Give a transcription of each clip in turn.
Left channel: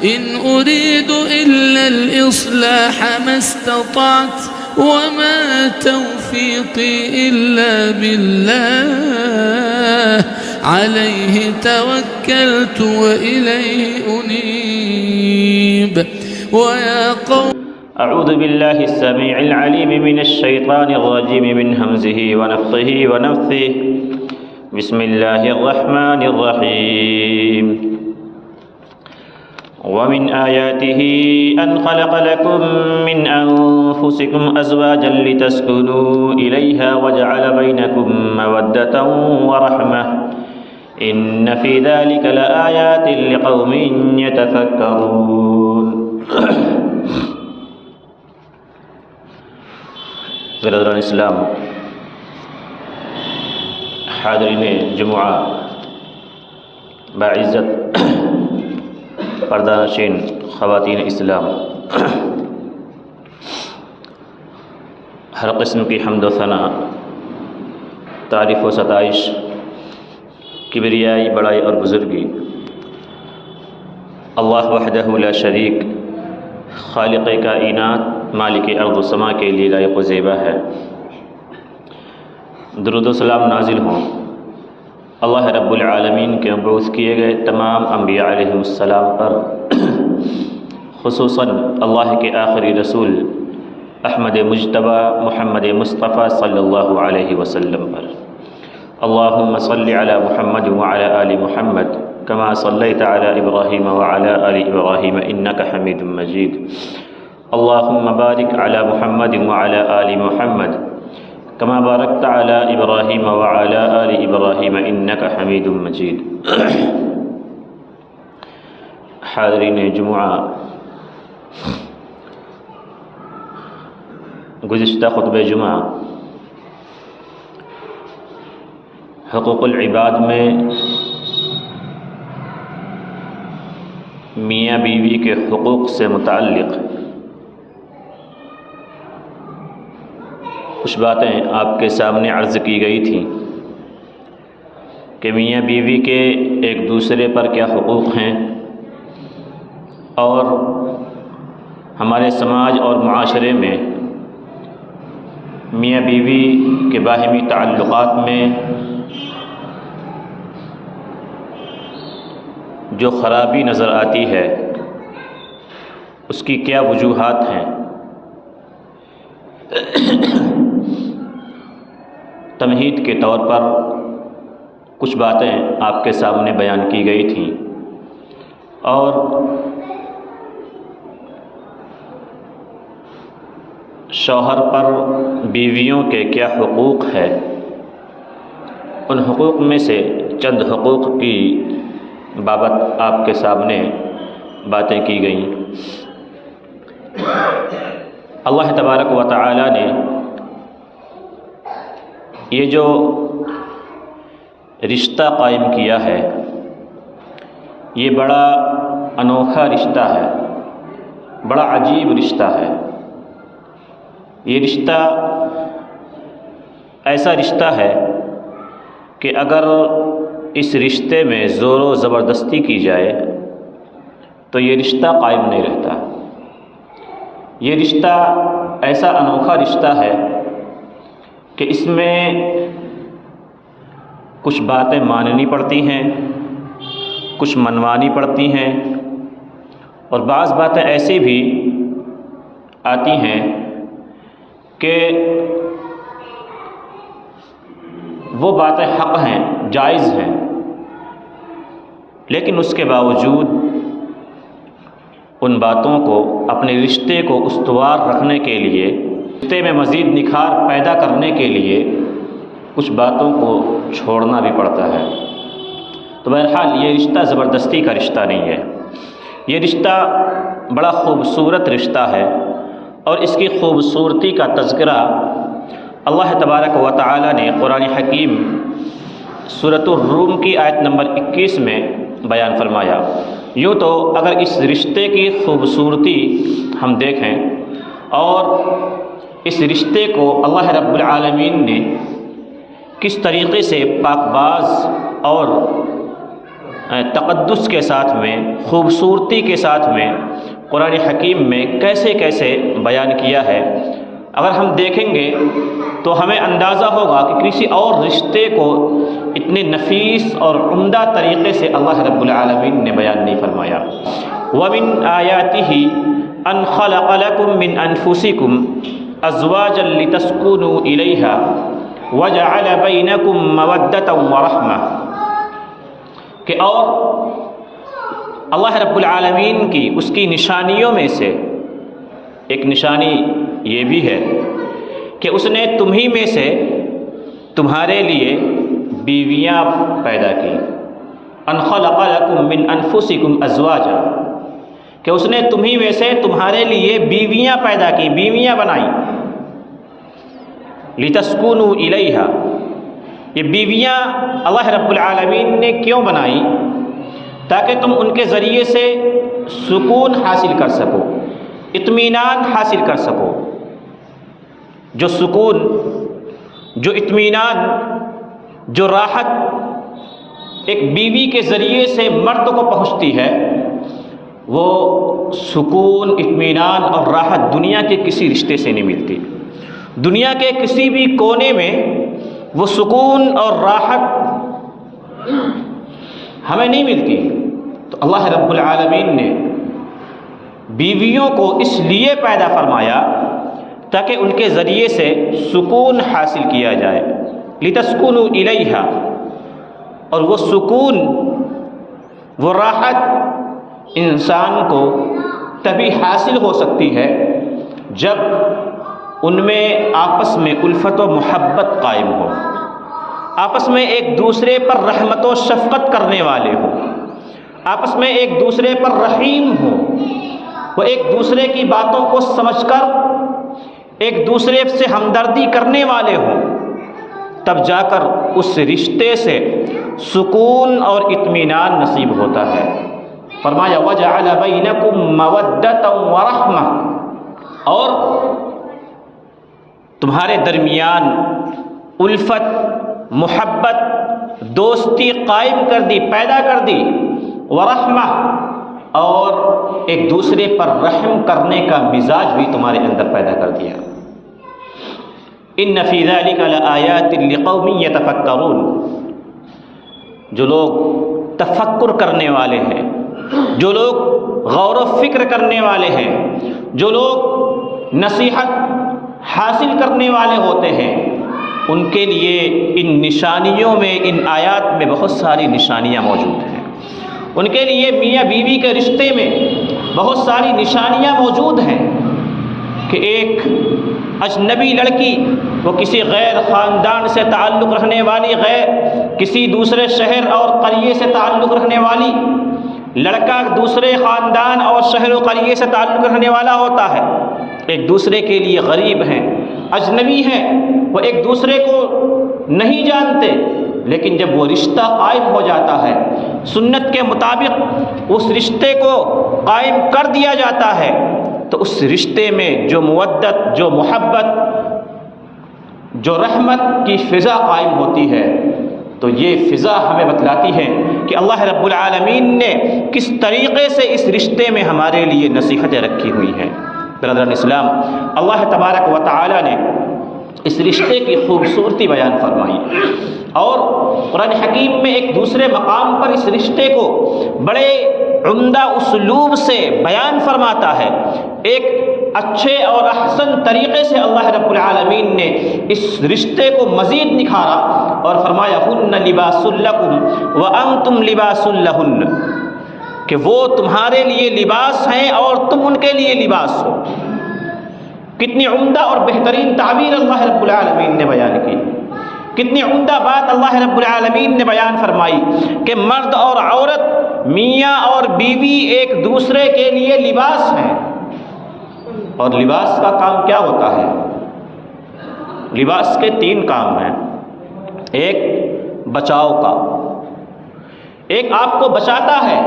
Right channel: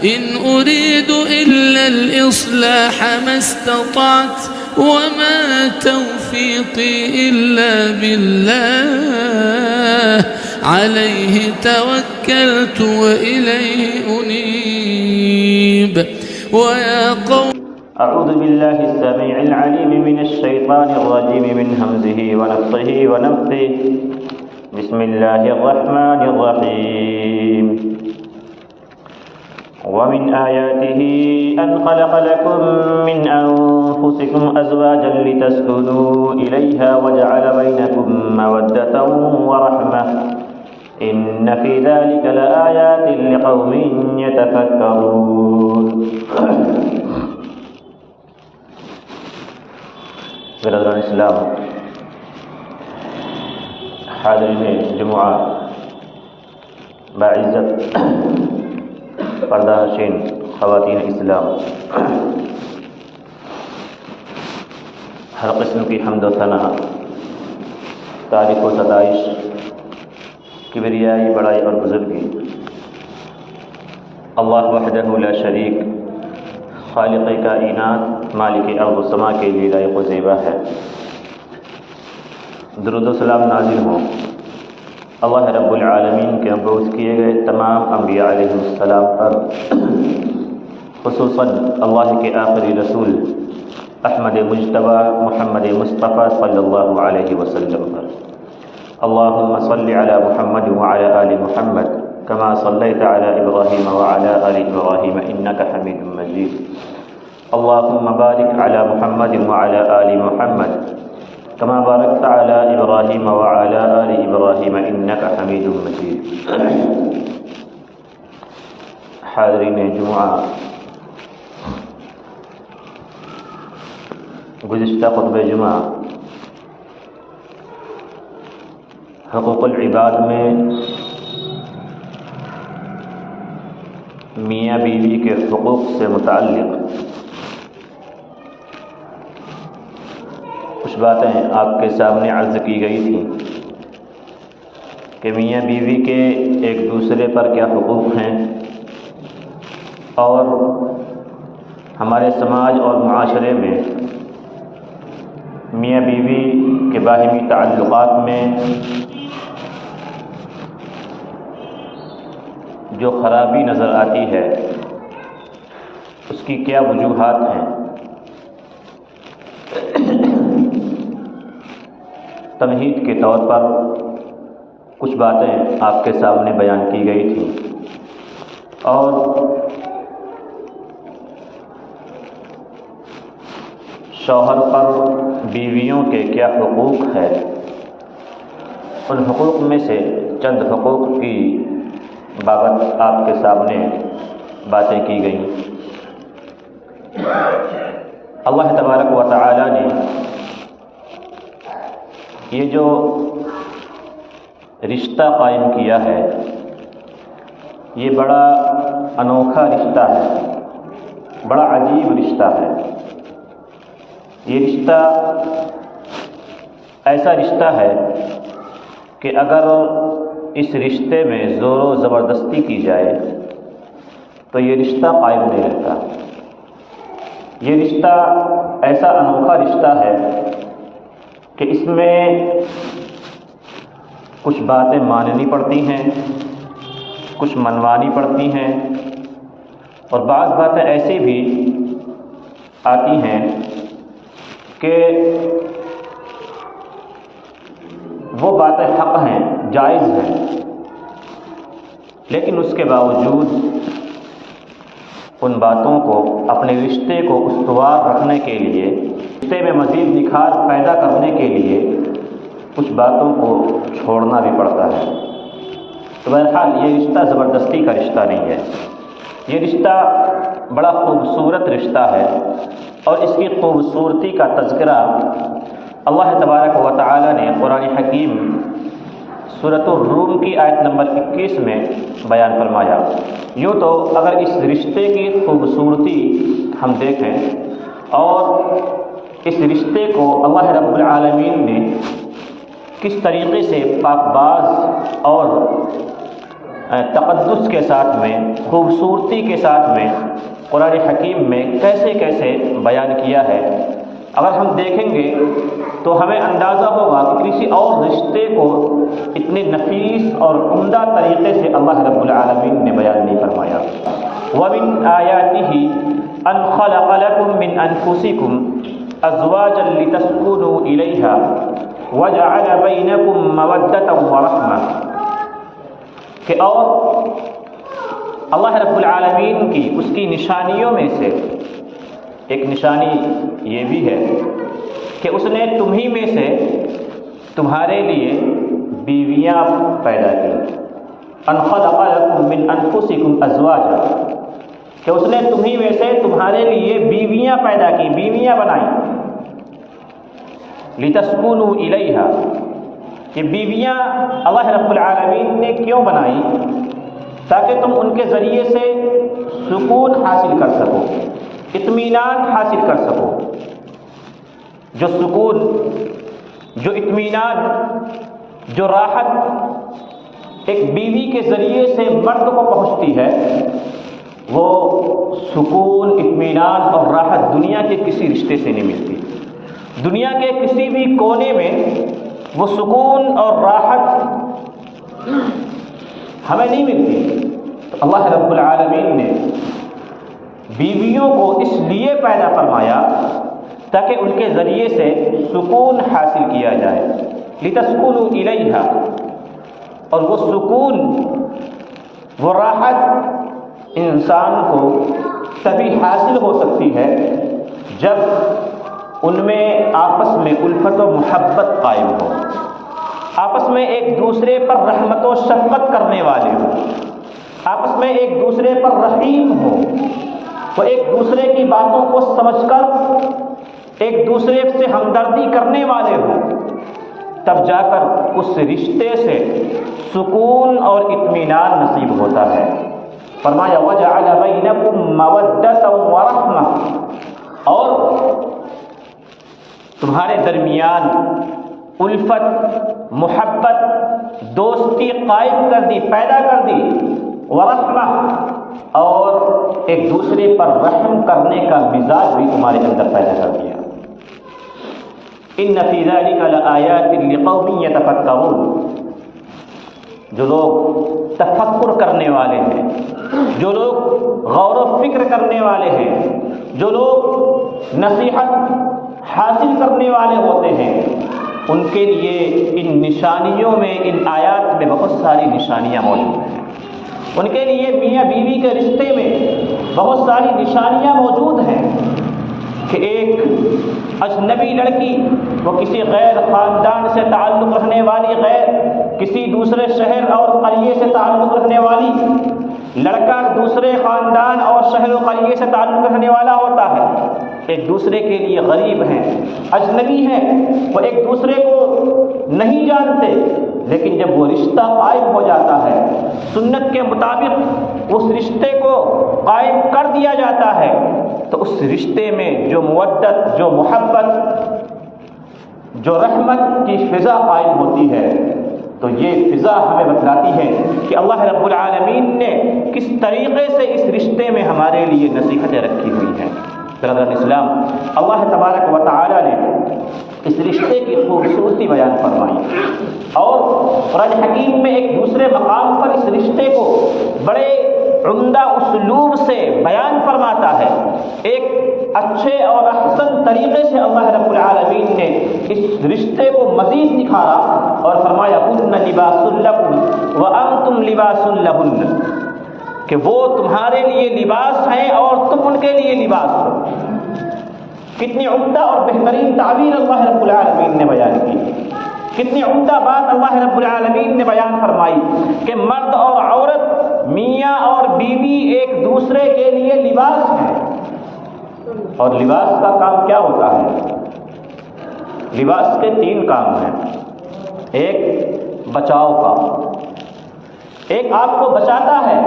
إن أريد إلا الإصلاح ما استطعت وما توفيقي إلا بالله عليه توكلت وإليه أنيب. ويا قوم أعوذ بالله السميع العليم من الشيطان الرجيم من همزه ونفخه ونفثه. بسم الله الرحمن الرحيم. ومن آياته أن خلق لكم من أنفسكم أزواجا لتسكنوا إليها وجعل بينكم مودة ورحمة إن في ذلك لآيات لقوم يتفكرون. برادران اسلام، حاضرین جمعہ، باعزت پردہ نشین خواتین اسلام، ہر قسم کی حمد و ثنا، تعریف و ستائش، کبریائی، بڑائی اور بزرگی اللہ وحدہ لا شریک، خالق کائنات، مالک ارض و سما کے لیے لائق و زیبا ہے۔ درود و سلام نازل ہوں اللہ رب العالمین کے مبعوث کیے گئے تمام انبیاء علیہم السلام پر، خصوصاً اللہ کے آخری رسول احمد مجتبی محمد مصطفیٰ صلی اللہ علیہ وسلم پر۔ اللہم صلی علی محمد وعلی آل محمد کما صلیت علی ابراہیم وعلی آل ابراہیم انک حمید مجید۔ اللہم بارک علی محمد وعلی آل محمد کما بارکت علی ابراہیم وعلی آل ابراہیم انک حمید مجید۔ حاضرین جمعہ، گزشتہ خطبہ جمعہ حقوق العباد میں میاں بیوی کے حقوق سے متعلق کچھ باتیں آپ کے سامنے عرض کی گئی تھیں کہ میاں بیوی کے ایک دوسرے پر کیا حقوق ہیں، اور ہمارے سماج اور معاشرے میں میاں بیوی کے باہمی تعلقات میں جو خرابی نظر آتی ہے اس کی کیا وجوہات ہیں۔ تمہید کے طور پر کچھ باتیں آپ کے سامنے بیان کی گئی تھیں، اور شوہر پر بیویوں کے کیا حقوق ہے، ان حقوق میں سے چند حقوق کی بابت آپ کے سامنے باتیں کی گئیں۔ اللہ تبارک و تعالی نے یہ جو رشتہ قائم کیا ہے، یہ بڑا انوکھا رشتہ ہے، بڑا عجیب رشتہ ہے۔ یہ رشتہ ایسا رشتہ ہے کہ اگر اس رشتے میں زور و زبردستی کی جائے تو یہ رشتہ قائم نہیں رہتا۔ یہ رشتہ ایسا انوکھا رشتہ ہے کہ اس میں کچھ باتیں ماننی پڑتی ہیں، کچھ منوانی پڑتی ہیں، اور بعض باتیں ایسی بھی آتی ہیں کہ وہ باتیں حق ہیں، جائز ہیں، لیکن اس کے باوجود ان باتوں کو اپنے رشتے کو استوار رکھنے کے لیے، رشتے میں مزید نکھار پیدا کرنے کے لیے کچھ باتوں کو چھوڑنا بھی پڑتا ہے۔ تو بہرحال یہ رشتہ زبردستی کا رشتہ نہیں ہے، یہ رشتہ بڑا خوبصورت رشتہ ہے، اور اس کی خوبصورتی کا تذکرہ اللہ تبارک و تعالی نے قرآن حکیم سورۃ الروم کی آیت نمبر 21 میں بیان فرمایا۔ یوں تو اگر اس رشتے کی خوبصورتی ہم دیکھیں اور اس رشتے کو اللہ رب العالمین نے کس طریقے سے پاک باز اور تقدس کے ساتھ میں، خوبصورتی کے ساتھ میں قرآن حکیم میں کیسے کیسے بیان کیا ہے، اگر ہم دیکھیں گے تو ہمیں اندازہ ہوگا کہ کسی اور رشتے کو اتنے نفیس اور عمدہ طریقے سے اللہ رب العالمین نے بیان نہیں فرمایا۔ وَمِنْ آيَاتِهِ أَنْ خَلَقَ لَكُم مِّنْ أَنفُسِكُمْ أَزْوَاجًا لِتَسْكُنُوا إِلَيْهَا وَجَعَلَ بَيْنَكُم مَّوَدَّةً وَرَحْمَةً، کہ اور اللہ رب العالمین کی اس کی نشانیوں میں سے ایک نشانی یہ بھی ہے کہ اس نے تمہیں میں سے تمہارے لیے بیویاں پیدا کی۔ ان خلق لکم من انفسکم ازواجا، کہ اس نے تمہیں میں سے تمہارے لیے بیویاں پیدا کی، بیویاں بنائیں۔ لتسکونوا الیہا، یہ بیویاں اللہ رب العالمین نے کیوں بنائی؟ تاکہ تم ان کے ذریعے سے سکون حاصل کر سکو، اطمینان حاصل کر سکو۔ جو سکون، جو اطمینان، جو راحت ایک بیوی کے ذریعے سے مرد کو پہنچتی ہے، وہ سکون، اطمینان اور راحت دنیا کے کسی رشتے سے نہیں ملتی۔ دنیا کے کسی بھی کونے میں وہ سکون اور راحت ہمیں نہیں ملتی۔ تو اللہ رب العالمین نے بیویوں کو اس لیے پیدا فرمایا تاکہ ان کے ذریعے سے سکون حاصل کیا جائے۔ لتسکنوا الیہا، اور وہ سکون، وہ راحت انسان کو تبھی حاصل ہو سکتی ہے جب ان میں آپس میں الفت و محبت قائم ہو، آپس میں ایک دوسرے پر رحمت و شفقت کرنے والے ہوں، آپس میں ایک دوسرے پر رحیم ہو، وہ ایک دوسرے کی باتوں کو سمجھ کر ایک دوسرے سے ہمدردی کرنے والے ہوں، تب جا کر اس رشتے سے سکون اور اطمینان نصیب ہوتا ہے۔ فرمایا وَجَعَلَ بَيْنَكُم مَّوَدَّةً وَرَحْمَةً، اور تمہارے درمیان الفت، محبت، دوستی قائم کر دی، پیدا کر دی، ورحمہ، اور ایک دوسرے پر رحم کرنے کا مزاج بھی تمہارے اندر پیدا کر دیا۔ ان فی ذلک لآیات لقوم یتفکرون، جو لوگ تفکر کرنے والے ہیں، جو لوگ غور و فکر کرنے والے ہیں، جو لوگ نصیحت حاصل کرنے والے ہوتے ہیں، ان کے لیے ان نشانیوں میں، ان آیات میں بہت ساری نشانیاں موجود ہیں۔ ان کے لیے میاں بیوی کے رشتے میں بہت ساری نشانیاں موجود ہیں کہ ایک اجنبی لڑکی، وہ کسی غیر خاندان سے تعلق رکھنے والی، غیر کسی دوسرے شہر اور قریے سے تعلق رکھنے والی، لڑکا دوسرے خاندان اور شہر و قریے سے تعلق رکھنے والا ہوتا ہے، ایک دوسرے کے لیے غریب ہیں، اجنبی ہیں، وہ ایک دوسرے کو نہیں جانتے، لیکن جب وہ رشتہ قائم ہو جاتا ہے، سنت کے مطابق اس رشتے کو قائم کر دیا جاتا ہے، تو اس رشتے میں جو مودت، جو محبت، جو رحمت کی فضا قائم ہوتی ہے، تو یہ فضا ہمیں بتلاتی ہے کہ اللہ رب العالمین نے کس طریقے سے اس رشتے میں ہمارے لیے نصیحتیں رکھی ہوئی ہیں۔ برادران اسلام، اللہ تبارک و تعالی نے اس رشتے کی خوبصورتی بیان فرمائی، اور قرآن حکیم میں ایک دوسرے مقام پر اس رشتے کو بڑے عمدہ اسلوب سے بیان فرماتا ہے۔ ایک اچھے اور احسن طریقے سے اللہ رب العالمین نے اس رشتے کو مزید نکھارا اور فرمایا ہن لباس لکم وانتم لباس لہن، کہ وہ تمہارے لیے لباس ہیں اور تم ان کے لیے لباس ہو۔ کتنی عمدہ اور بہترین تعبیر اللہ رب العالمین نے بیان کی، کتنی عمدہ بات اللہ رب العالمین نے بیان فرمائی کہ مرد اور عورت، میاں اور بیوی ایک دوسرے کے لیے لباس ہیں۔ اور لباس کا کام کیا ہوتا ہے؟ لباس کے 3 کام ہیں۔ ایک بچاؤ کا، ایک آپ کو بچاتا ہے،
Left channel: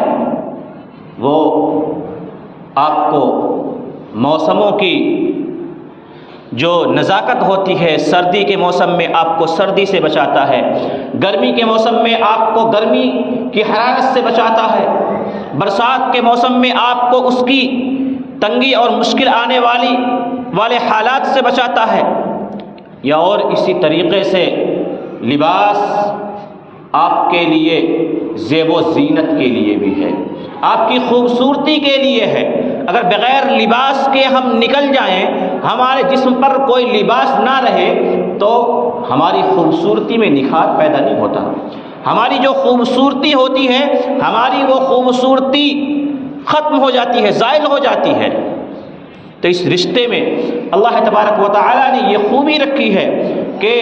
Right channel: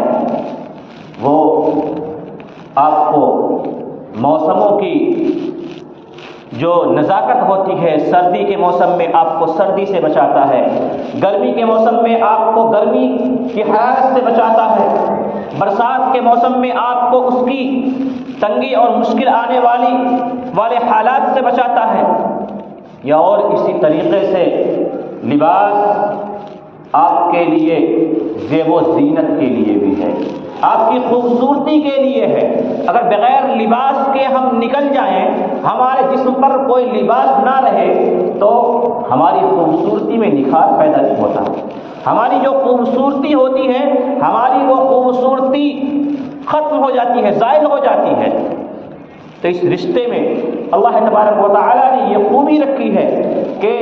وہ آپ کو موسموں کی جو نزاکت ہوتی ہے سردی کے موسم میں آپ کو سردی سے بچاتا ہے، گرمی کے موسم میں آپ کو گرمی کی حرارت سے بچاتا ہے، برسات کے موسم میں آپ کو اس کی تنگی اور مشکل آنے والے حالات سے بچاتا ہے، یا اور اسی طریقے سے لباس آپ کے لیے زیب و زینت کے لیے بھی ہے، آپ کی خوبصورتی کے لیے ہے۔ اگر بغیر لباس کے ہم نکل جائیں، ہمارے جسم پر کوئی لباس نہ رہے تو ہماری خوبصورتی میں نکھار پیدا نہیں ہوتا، ہماری جو خوبصورتی ہوتی ہے ہماری وہ خوبصورتی ختم ہو جاتی ہے، زائل ہو جاتی ہے۔ تو اس رشتے میں اللہ تبارک و تعالیٰ نے یہ خوبی رکھی ہے کہ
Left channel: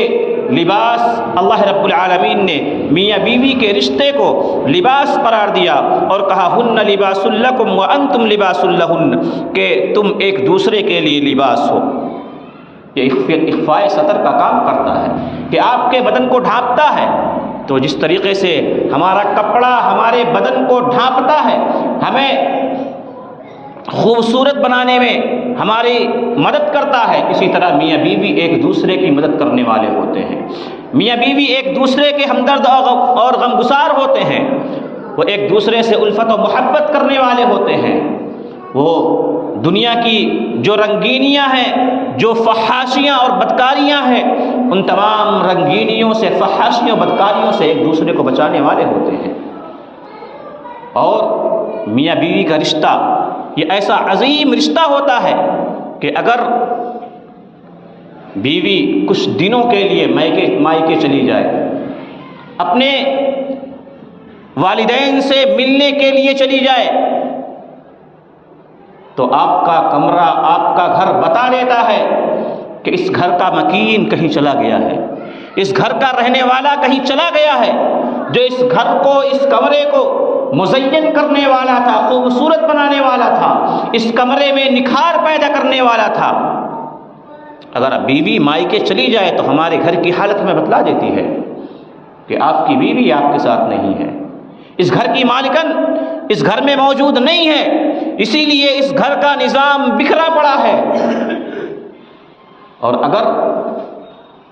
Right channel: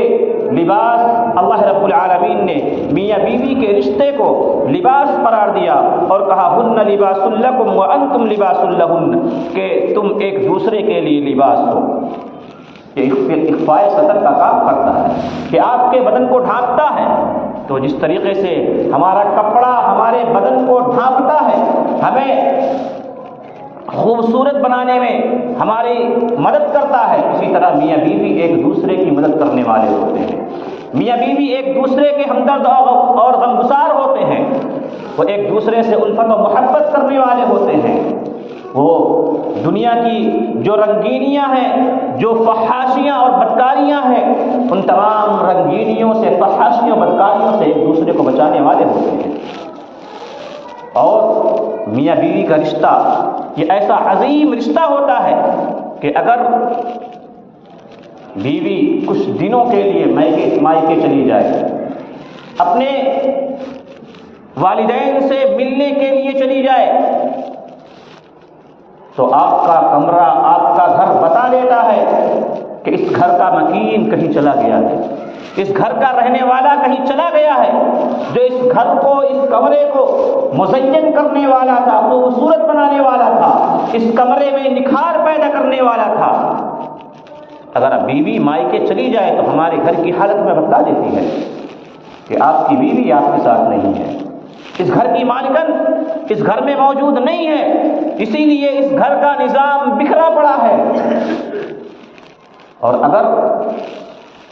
لباس، اللہ رب العالمین نے میاں بیوی کے رشتے کو لباس قرار دیا اور کہا ہن لباس لکم وانتم لباس لہن، کہ تم ایک دوسرے کے لیے لباس ہو۔ یہ اخفاء ستر کا کام کرتا ہے کہ آپ کے بدن کو ڈھانپتا ہے۔ تو جس طریقے سے ہمارا کپڑا ہمارے بدن کو ڈھانپتا ہے، ہمیں خوبصورت بنانے میں ہماری مدد کرتا ہے، اسی طرح میاں بیوی ایک دوسرے کی مدد کرنے والے ہوتے ہیں، میاں بیوی ایک دوسرے کے ہمدرد اور غمگسار ہوتے ہیں، وہ ایک دوسرے سے الفت و محبت کرنے والے ہوتے ہیں۔ وہ دنیا کی جو رنگینیاں ہیں، جو فحاشیاں اور بدکاریاں ہیں، ان تمام رنگینیوں سے، فحاشیوں، بدکاریوں سے ایک دوسرے کو بچانے والے ہوتے ہیں۔ اور میاں بیوی کا رشتہ یہ ایسا عظیم رشتہ ہوتا ہے کہ اگر بیوی کچھ دنوں کے لیے مائکے چلی جائے، اپنے والدین سے ملنے کے لیے چلی جائے، تو آپ کا کمرہ، آپ کا گھر بتا دیتا ہے کہ اس گھر کا مکین کہیں چلا گیا ہے، اس گھر کا رہنے والا کہیں چلا گیا ہے، جو اس گھر کو، اس کمرے کو مزین کرنے والا تھا، خوبصورت بنانے والا تھا، اس کمرے میں نکھار پیدا کرنے والا تھا۔ اگر بیوی مائکے چلی جائے تو ہمارے گھر کی حالت میں بتلا دیتی ہے کہ آپ کی بیوی آپ کے ساتھ نہیں ہے، اس گھر کی مالکن اس گھر میں موجود نہیں ہے، اسی لیے اس گھر کا نظام بکھرا پڑا ہے۔ اور اگر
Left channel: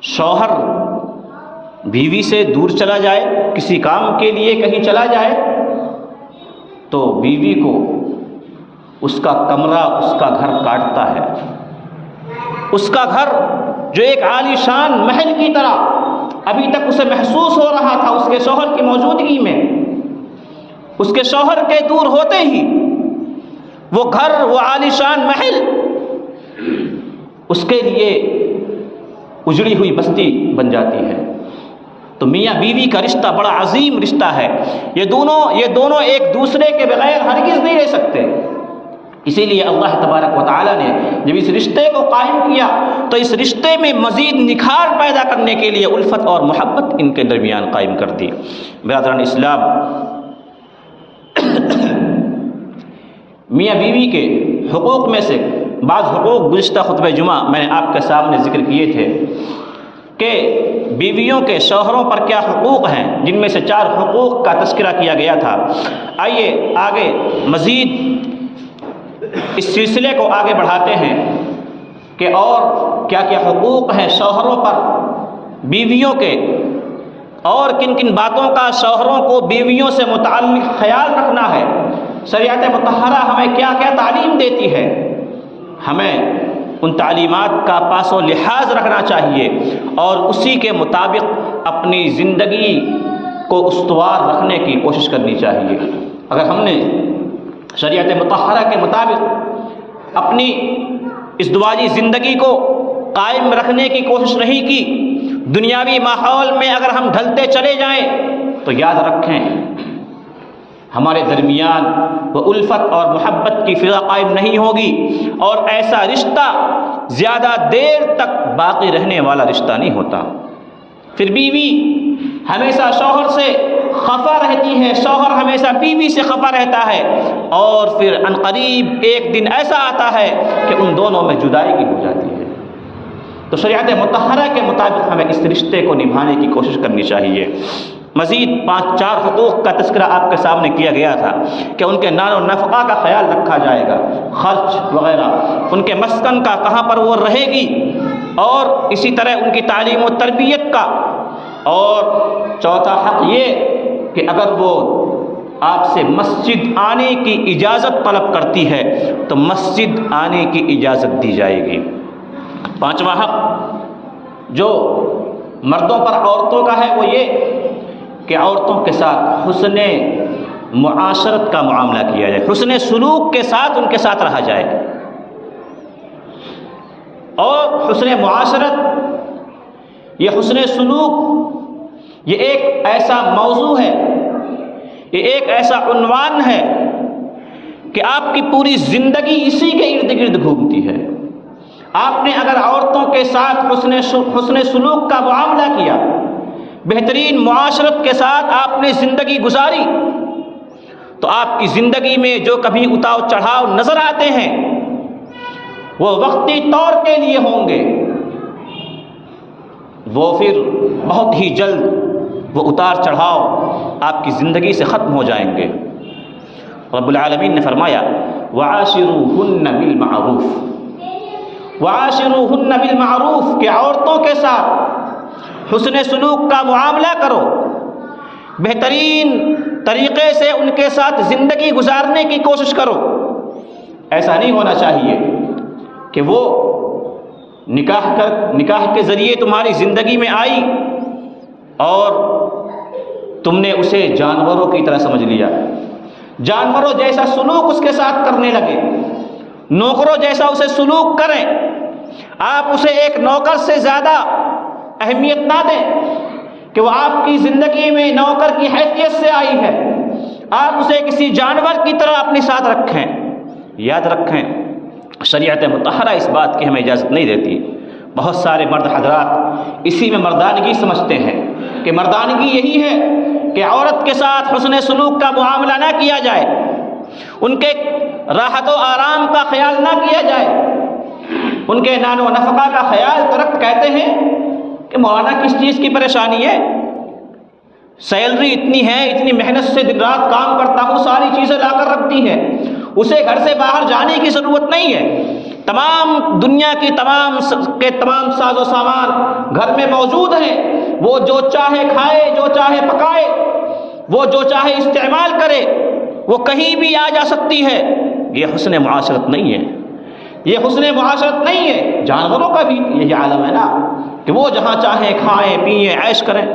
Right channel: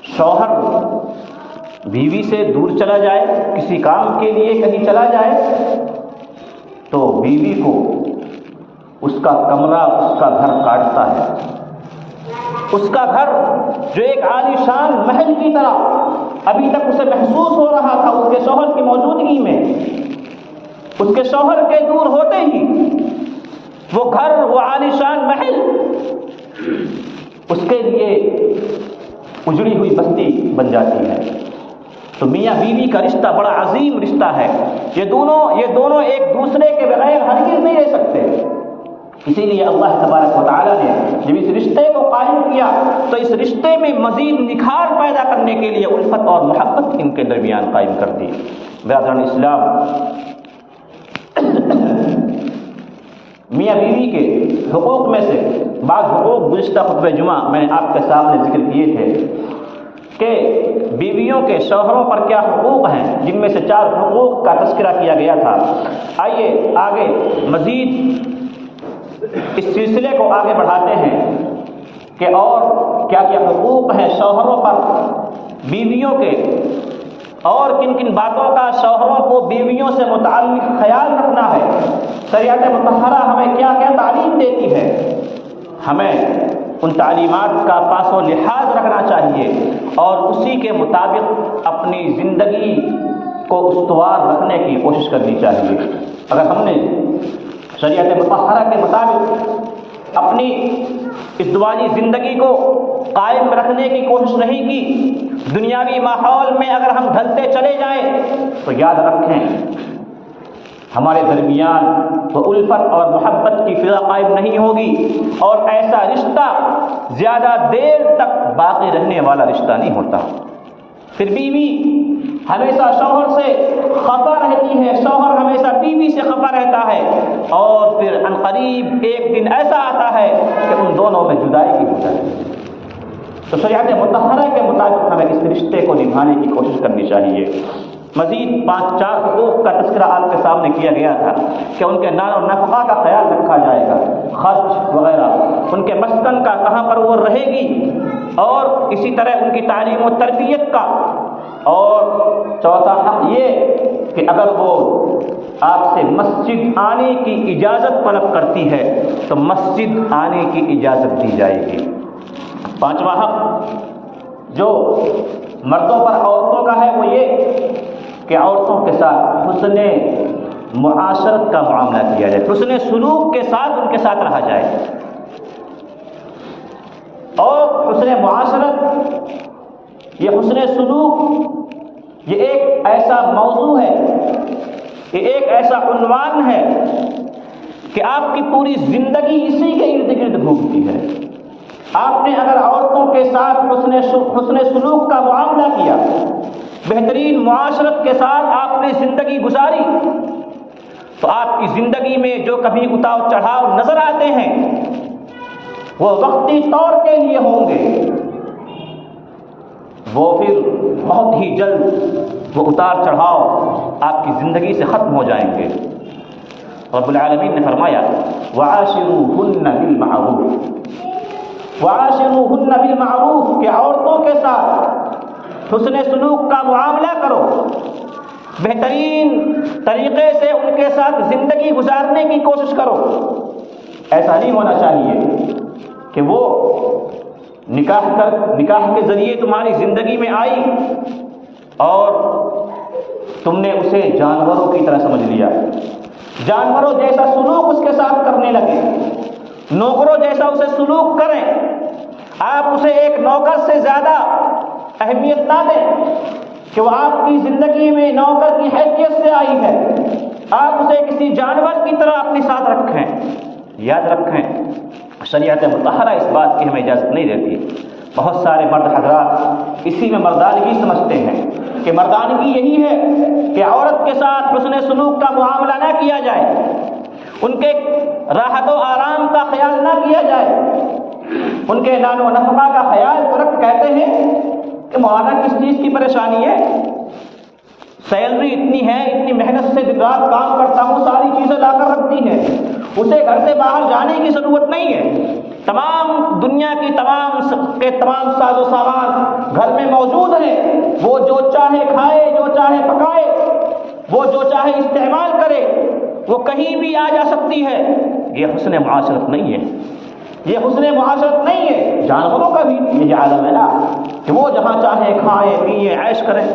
شوہر بیوی سے دور چلا جائے، کسی کام کے لیے کہیں چلا جائے، تو بیوی کو اس کا کمرہ، اس کا گھر کاٹتا ہے۔ اس کا گھر جو ایک عالی شان محل کی طرح ابھی تک اسے محسوس ہو رہا تھا اس کے شوہر کی موجودگی میں، اس کے شوہر کے دور ہوتے ہی وہ گھر، وہ عالی شان محل اس کے لیے اجڑی ہوئی بستی بن جاتی ہے۔ تو میاں بیوی کا رشتہ بڑا عظیم رشتہ ہے، یہ دونوں ایک دوسرے کے بغیر ہرگز نہیں رہ سکتے۔ اسی لیے اللہ تبارک و تعالیٰ نے جب اس رشتے کو قائم کیا تو اس رشتے میں مزید نکھار پیدا کرنے کے لیے الفت اور محبت ان کے درمیان قائم کر دی۔ برادران اسلام، میاں بیوی کے حقوق میں سے بعض حقوق گزشتہ خطبہ جمعہ میں نے آپ کے سامنے ذکر کیے تھے کہ بیویوں کے شوہروں پر کیا حقوق ہیں، جن میں سے 4 حقوق کا تذکرہ کیا گیا تھا۔ آئیے آگے مزید اس سلسلے کو آگے بڑھاتے ہیں کہ اور کیا کیا حقوق ہیں شوہروں پر بیویوں کے، اور کن کن باتوں کا شوہروں کو بیویوں سے متعلق خیال رکھنا ہے۔ شریعت مطہرہ ہمیں کیا کیا تعلیم دیتی ہے، ہمیں ان تعلیمات کا پاس و لحاظ رکھنا چاہیے اور اسی کے مطابق اپنی زندگی کو استوار رکھنے کی کوشش کرنی چاہیے۔ اگر ہم نے شریعت مطہرہ کے مطابق اپنی ازدواجی زندگی کو قائم رکھنے کی کوشش نہیں کی، دنیاوی ماحول میں اگر ہم ڈھلتے چلے جائیں تو یاد رکھیں ہمارے درمیان وہ الفت اور محبت کی فضا قائم نہیں ہوگی، اور ایسا رشتہ زیادہ دیر تک باقی رہنے والا رشتہ نہیں ہوتا۔ پھر بیوی ہمیشہ شوہر سے خفا رہتی ہے، شوہر ہمیشہ بیوی سے خفا رہتا ہے، اور پھر عنقریب ایک دن ایسا آتا ہے کہ ان دونوں میں جدائی کی ہو جاتی ہے۔ تو شریعت مطہرہ کے مطابق ہمیں اس رشتے کو نبھانے کی کوشش کرنی چاہیے۔ مزید 5-4 حقوق کا تذکرہ آپ کے سامنے کیا گیا تھا کہ ان کے نان و نفقہ کا خیال رکھا جائے گا، خرچ وغیرہ، ان کے مسکن کا کہاں پر وہ رہے گی، اور اسی طرح ان کی تعلیم و تربیت کا، اور چوتھا حق یہ کہ اگر وہ آپ سے مسجد آنے کی اجازت طلب کرتی ہے تو مسجد آنے کی اجازت دی جائے گی۔ پانچواں حق جو مردوں پر عورتوں کا ہے وہ یہ کہ عورتوں کے ساتھ حسن معاشرت کا معاملہ کیا جائے، حسن سلوک کے ساتھ ان کے ساتھ رہا جائے۔ اور حسن معاشرت، یہ حسن سلوک، یہ ایک ایسا موضوع ہے، یہ ایک ایسا عنوان ہے کہ آپ کی پوری زندگی اسی کے ارد گرد گھومتی ہے۔ آپ نے اگر عورتوں کے ساتھ حسن سلوک کا معاملہ کیا، بہترین معاشرت کے ساتھ آپ نے زندگی گزاری، تو آپ کی زندگی میں جو کبھی اتار چڑھاؤ نظر آتے ہیں وہ وقتی طور کے لیے ہوں گے، وہ پھر بہت ہی جلد وہ اتار چڑھاؤ آپ کی زندگی سے ختم ہو جائیں گے۔ رب العالمین نے فرمایا وَعَاشِرُوهُنَّ بِالْمَعْرُوفِ، وَعَاشِرُوهُنَّ بِالْمَعْرُوفِ کہ عورتوں کے ساتھ حسن سلوک کا معاملہ کرو، بہترین طریقے سے ان کے ساتھ زندگی گزارنے کی کوشش کرو۔ ایسا نہیں ہونا چاہیے کہ وہ نکاح کے ذریعے تمہاری زندگی میں آئی اور تم نے اسے جانوروں کی طرح سمجھ لیا، جانوروں جیسا سلوک اس کے ساتھ کرنے لگے، نوکروں جیسا اسے سلوک کریں، آپ اسے ایک نوکر سے زیادہ اہمیت نہ دیں کہ وہ آپ کی زندگی میں نوکر کی حیثیت سے آئی ہے، آپ اسے کسی جانور کی طرح اپنے ساتھ رکھیں۔ یاد رکھیں شریعت مطہرہ اس بات کی ہمیں اجازت نہیں دیتی۔ بہت سارے مرد حضرات اسی میں مردانگی سمجھتے ہیں کہ مردانگی یہی ہے کہ عورت کے ساتھ حسن سلوک کا معاملہ نہ کیا جائے، ان کے راحت و آرام کا خیال نہ کیا جائے، ان کے نان و نفقہ کا خیال تو رکھ کہتے ہیں کہ مولانا کس چیز کی پریشانی ہے، سیلری اتنی ہے، اتنی محنت سے دن رات کام کرتا ہوں، ساری چیزیں لا کر رکھتی ہے، اسے گھر سے باہر جانے کی ضرورت نہیں ہے، تمام دنیا کی تمام ساز و سامان گھر میں موجود ہیں، وہ جو چاہے کھائے، جو چاہے پکائے، وہ جو چاہے استعمال کرے، وہ کہیں بھی آ جا سکتی ہے۔ یہ حسن معاشرت نہیں ہے، یہ حسن معاشرت نہیں ہے۔ جانوروں کا بھی یہی عالم ہے نا کہ وہ جہاں چاہے کھائیں پیئیں عیش کریں،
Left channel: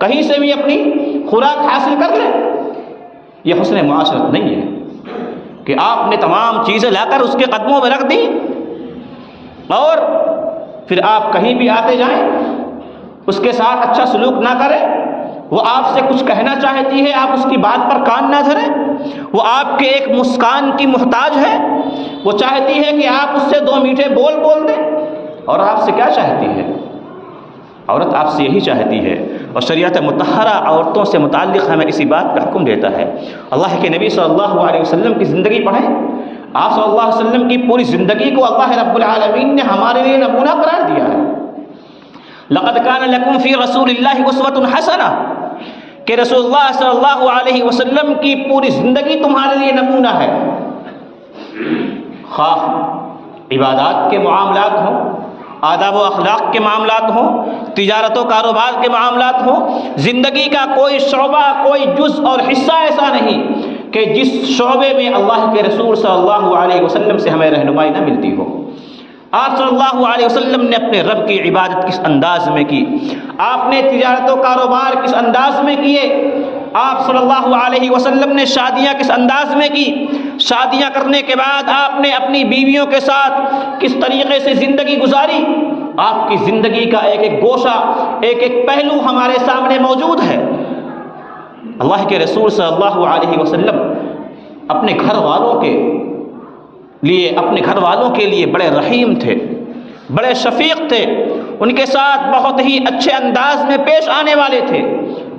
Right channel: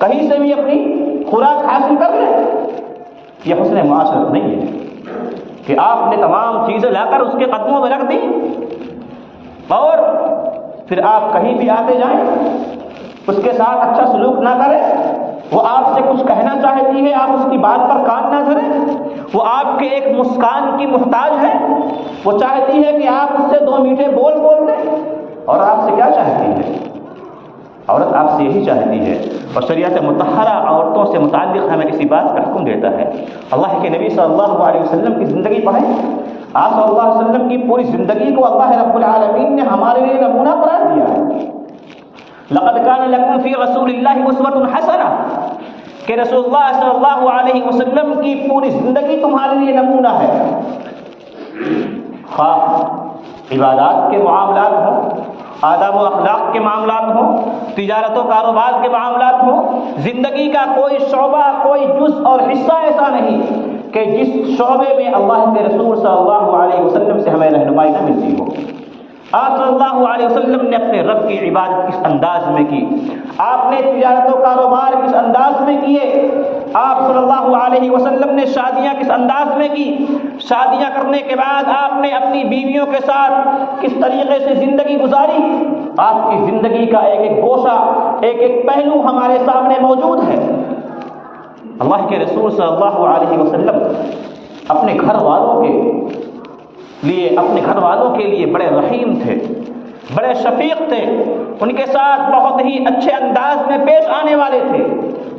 کہیں سے بھی اپنی خوراک حاصل کر لیں۔ یہ حسن معاشرت نہیں ہے کہ آپ نے تمام چیزیں لا کر اس کے قدموں میں رکھ دی اور پھر آپ کہیں بھی آتے جائیں، اس کے ساتھ اچھا سلوک نہ کریں، وہ آپ سے کچھ کہنا چاہتی ہے، آپ اس کی بات پر کان نہ دھریں، وہ آپ کے ایک مسکان کی محتاج ہے، وہ چاہتی ہے کہ آپ اس سے دو میٹھے بول دیں، اور آپ سے کیا چاہتی ہے؟ عورت آپ سے یہی چاہتی ہے۔ اور شریعت مطہرہ عورتوں سے متعلق ہمیں اسی بات کا حکم دیتا ہے۔ اللہ کے نبی صلی اللہ علیہ وسلم کی زندگی پڑھیں، آپ صلی اللہ علیہ وسلم کی پوری زندگی کو اللہ رب العالمین نے ہمارے لیے نمونہ قرار دیا ہے۔ لقد كان لكم في رسول الله اسوة حسنة کہ رسول اللہ صلی اللہ علیہ وسلم کی پوری زندگی تمہارے لیے نمونہ ہے، خواہ عبادات کے معاملات ہوں، آداب و اخلاق کے معاملات ہوں، تجارت و کاروبار کے معاملات ہوں، زندگی کا کوئی شعبہ، کوئی جز اور حصہ ایسا نہیں کہ جس شعبے میں اللہ کے رسول صلی اللہ علیہ وسلم سے ہمیں رہنمائی نہ ملتی ہو۔ آپ صلی اللہ علیہ وسلم نے اپنے رب کی عبادت کس انداز میں کی، آپ نے تجارت و کاروبار کس انداز میں کیے، آپ صلی اللہ علیہ وسلم نے شادیاں کس انداز میں کی، شادیاں کرنے کے بعد آپ نے اپنی بیویوں کے ساتھ کس طریقے سے زندگی گزاری، آپ کی زندگی کا ایک ایک گوشہ، ایک ایک پہلو ہمارے سامنے موجود ہے۔ اللہ کے رسول صلی اللہ علیہ وسلم اپنے گھر والوں کے لیے بڑے رحیم تھے، بڑے شفیق تھے، ان کے ساتھ بہت ہی اچھے انداز میں پیش آنے والے تھے،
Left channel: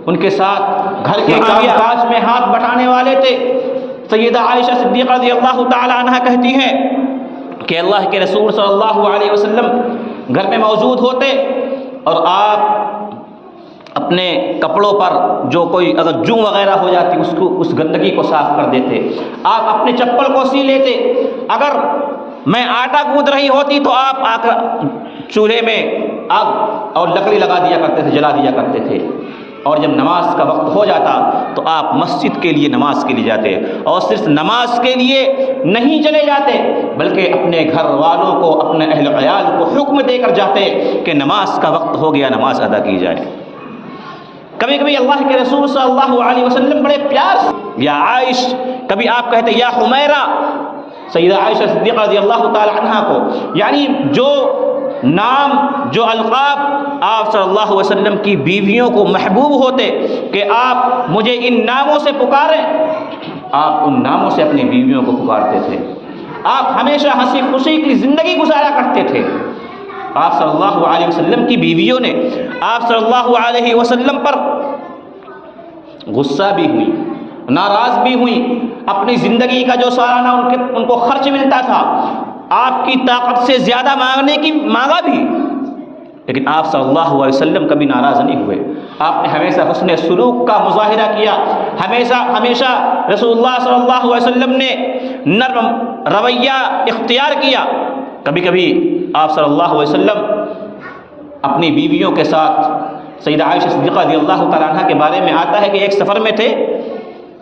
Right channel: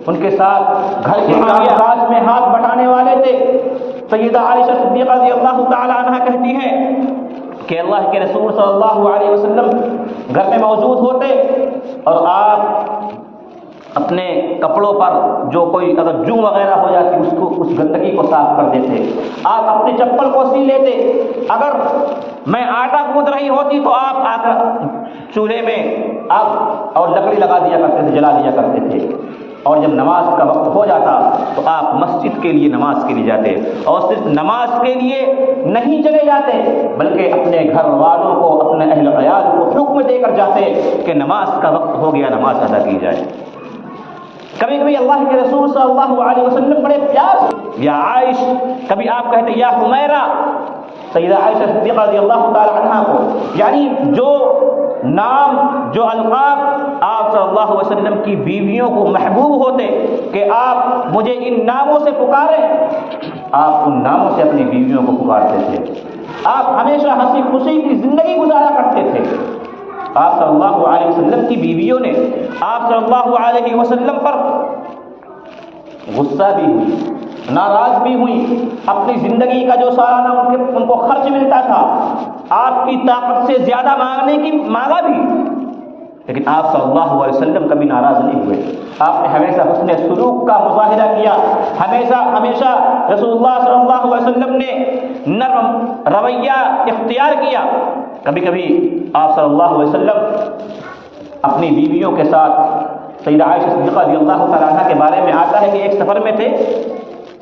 ان کے ساتھ گھر کے کام کاج میں ہاتھ بٹانے والے تھے۔ سیدہ عائشہ صدیقہ رضی اللہ تعالی عنہا کہتی ہیں کہ اللہ کے رسول صلی اللہ علیہ وسلم گھر میں موجود ہوتے اور آپ اپنے کپڑوں پر جو کوئی اگر جوں وغیرہ ہو جاتی اس گندگی کو صاف کر دیتے. آپ اپنے چپل کو سی لیتے. اگر میں آٹا گوندھ رہی ہوتی تو آپ آ کر چولہے میں آگ اور لکڑی لگا دیا کرتے تھے, جلا دیا کرتے تھے. اور جب نماز کا وقت ہو جاتا تو آپ مسجد کے لیے نماز کے لیے جاتے, اور صرف نماز کے لیے نہیں چلے جاتے بلکہ اپنے گھر والوں کو, اپنے اہل عیال کو حکم دے کر جاتے کہ نماز کا وقت ہو گیا, نماز ادا کی جائے. کبھی کبھی اللہ کے رسول صلی اللہ علیہ وسلم بڑے پیار سے یا عائش, کبھی آپ کہتے یا حمیرہ, سیدہ عائشہ صدیقہ رضی اللہ تعالی عنہا کو, یعنی جو نام, جو القاب آپ صلی اللہ علیہ وسلم کی بیویوں کو محبوب ہوتے کہ آپ مجھے ان ناموں سے پکاریں, آپ ان ناموں سے اپنی بیویوں کو پکارتے تھے. آپ ہمیشہ ہنسی خوشی کی زندگی گزارا کرتے تھے. آپ صلی اللہ علیہ وسلم کی بیویوں نے آپ صلی اللہ علیہ وسلم پر غصہ بھی ہوئی, ناراض بھی ہوئی, اپنی زندگی کا جو سالانہ ان کو خرچ ملتا تھا آپ کی طاقت سے زیادہ مانگنے کی مانگا بھی, لیکن آپ صلی اللہ علیہ وسلم کبھی ناراض نہیں ہوئے. آپ نے ہمیشہ حسن سلوک کا مظاہرہ کیا, ہمیشہ رسول اللہ صلی اللہ علیہ وسلم نے نرم رویہ اختیار کیا. کبھی کبھی آپ صلی اللہ علیہ وسلم اپنی بیویوں کے ساتھ, سیدہ عائشہ صدیقہ رضی اللہ تعالیٰ عنہ کے بارے میں آتا ہے کہ ایک سفر میں تھے,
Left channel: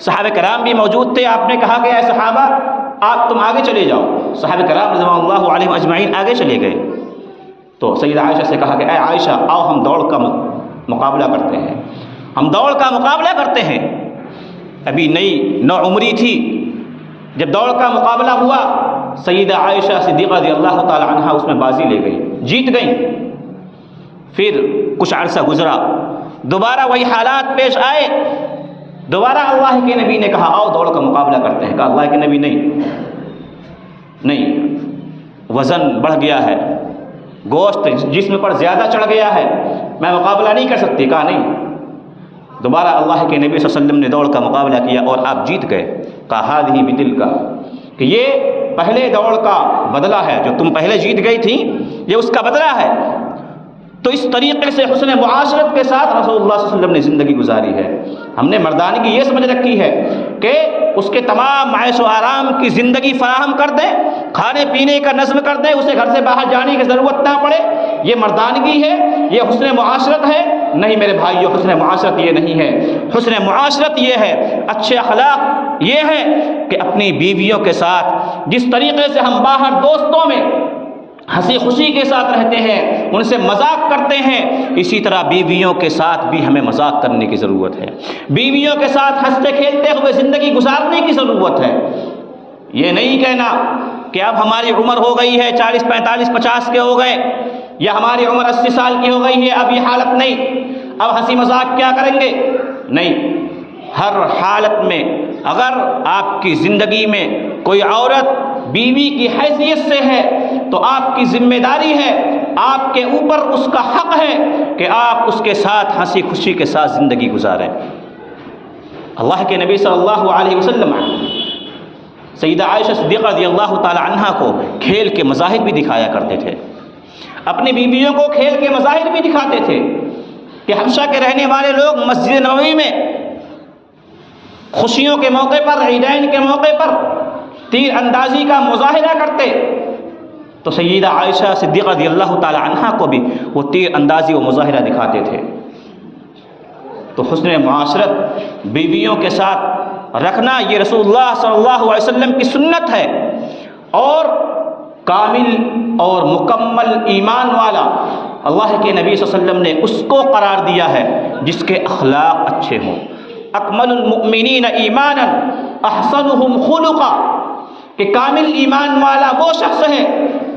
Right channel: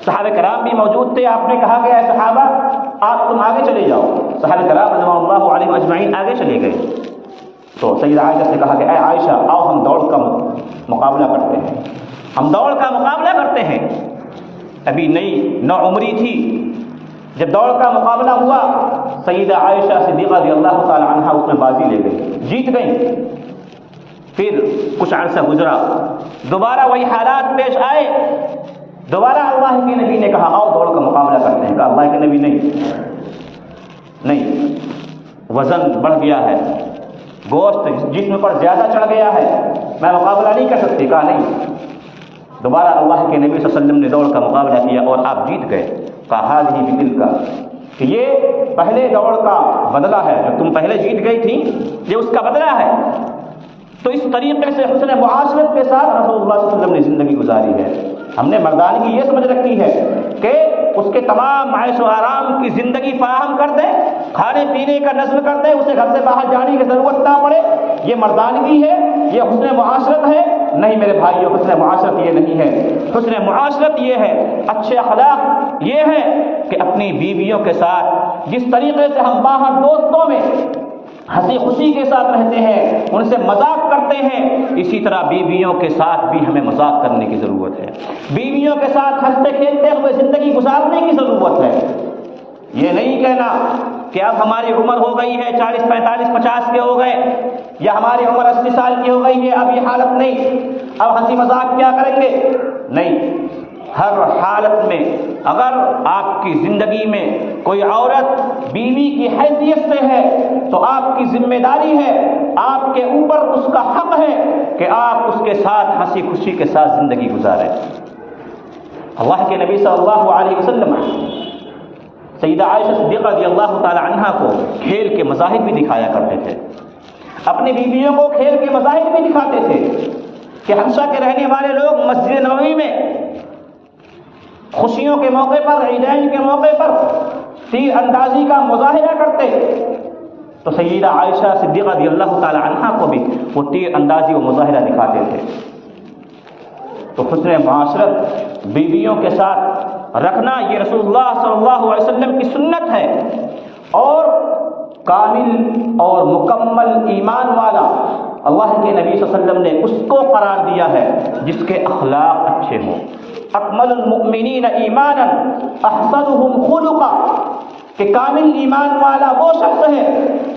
صحابہ کرام بھی موجود تھے. آپ نے کہا کہ اے صحابہ آپ تم آگے چلے جاؤ. صحابہ کرام رضوان اللہ علیہم اجمعین آگے چلے گئے. تو سیدہ عائشہ سے کہا کہ اے عائشہ آؤ ہم دوڑ کا مقابلہ کرتے ہیں, ہم دوڑ کا مقابلہ کرتے ہیں. ابھی نئی نوعمری تھی. جب دوڑ کا مقابلہ ہوا سیدہ عائشہ صدیقہ رضی اللہ تعالی عنہا اس میں بازی لے گئی, جیت گئیں. پھر کچھ عرصہ گزرا, دوبارہ وہی حالات پیش آئے. دوبارہ اللہ کے نبی نے کہا آؤ دوڑ کا مقابلہ کرتے ہیں. کہا اللہ کے نبی نہیں, وزن بڑھ گیا ہے, گوشت جسم پر زیادہ چڑھ گیا ہے, میں مقابلہ نہیں کر سکتی. کہا نہیں. دوبارہ اللہ کے نبی صلی اللہ علیہ وسلم نے دوڑ کا مقابلہ کیا اور آپ جیت گئے. کہا ہذہ بدل کا, کہ یہ پہلے دوڑ کا بدلہ ہے, جو تم پہلے جیت گئی تھی یہ اس کا بدلہ ہے. تو اس طریقے سے حسن معاشرت کے ساتھ رسول اللہ صلی اللہ علیہ وسلم نے زندگی گزاری ہے. ہم نے مردانگی یہ سمجھ رکھی ہے کہ اس کے تمام معاش و آرام کی زندگی فراہم کر دیں, کھانے پینے کا نظم کر دیں, اسے گھر سے باہر جانے کی ضرورت نہ پڑے. یہ مردانگی ہے, یہ حسن معاشرت ہے. نہیں میرے بھائیو, حسن معاشرت یہ نہیں ہے. حسن معاشرت یہ ہے, اچھے اخلاق یہ ہے کہ اپنی بیویوں کے ساتھ جس طریقے سے ہم باہر دوستوں میں ہنسی خوشی کے ساتھ رہتے ہیں, ان سے مذاق کرتے ہیں, اسی طرح بیویوں کے ساتھ بھی ہمیں مذاق کرنے کی ضرورت ہے. بیویوں کے ساتھ ہنستے کھیلتے ہوئے زندگی گزارنے کی ضرورت ہے. یہ نہیں کہنا کہ اب ہماری عمر ہو گئی ہے 40 45 50 کے ہو گئے, یا ہماری عمر 80 سال کی ہو گئی ہے, اب یہ حالت نہیں, اب ہنسی مذاق کیا کریں گے. نہیں, ہر حالت میں اگر آپ کی زندگی میں کوئی عورت بیوی کی حیثیت سے ہے تو آپ کی ذمہ داری ہے, آپ کے اوپر اس کا حق ہے کہ آپ اس کے ساتھ ہنسی خوشی کے ساتھ زندگی گزاریں. اللہ کے نبی صلی اللہ علیہ وسلم سیدہ عائشہ صدیقہ رضی اللہ تعالی عنہا کو کھیل کے مظاہر بھی دکھایا کرتے تھے, اپنی بیویوں کو کھیل کے مظاہر بھی دکھاتے تھے. کہ حبشہ کے رہنے والے لوگ مسجد نبوی میں خوشیوں کے موقع پر, عیدین کے موقع پر تیر اندازی کا مظاہرہ کرتے, تو سیدہ عائشہ صدیقہ رضی اللہ تعالی عنہا کو بھی وہ تیر اندازی و مظاہرہ دکھاتے تھے. تو حسن معاشرت بیویوں کے ساتھ رکھنا یہ رسول اللہ صلی اللہ علیہ وسلم کی سنت ہے. اور کامل اور مکمل ایمان والا اللہ کے نبی صلی اللہ علیہ وسلم نے اس کو قرار دیا ہے جس کے اخلاق اچھے ہوں. اکمل المؤمنین ایمانا احسنهم خلقا, کہ کامل ایمان والا وہ شخص ہے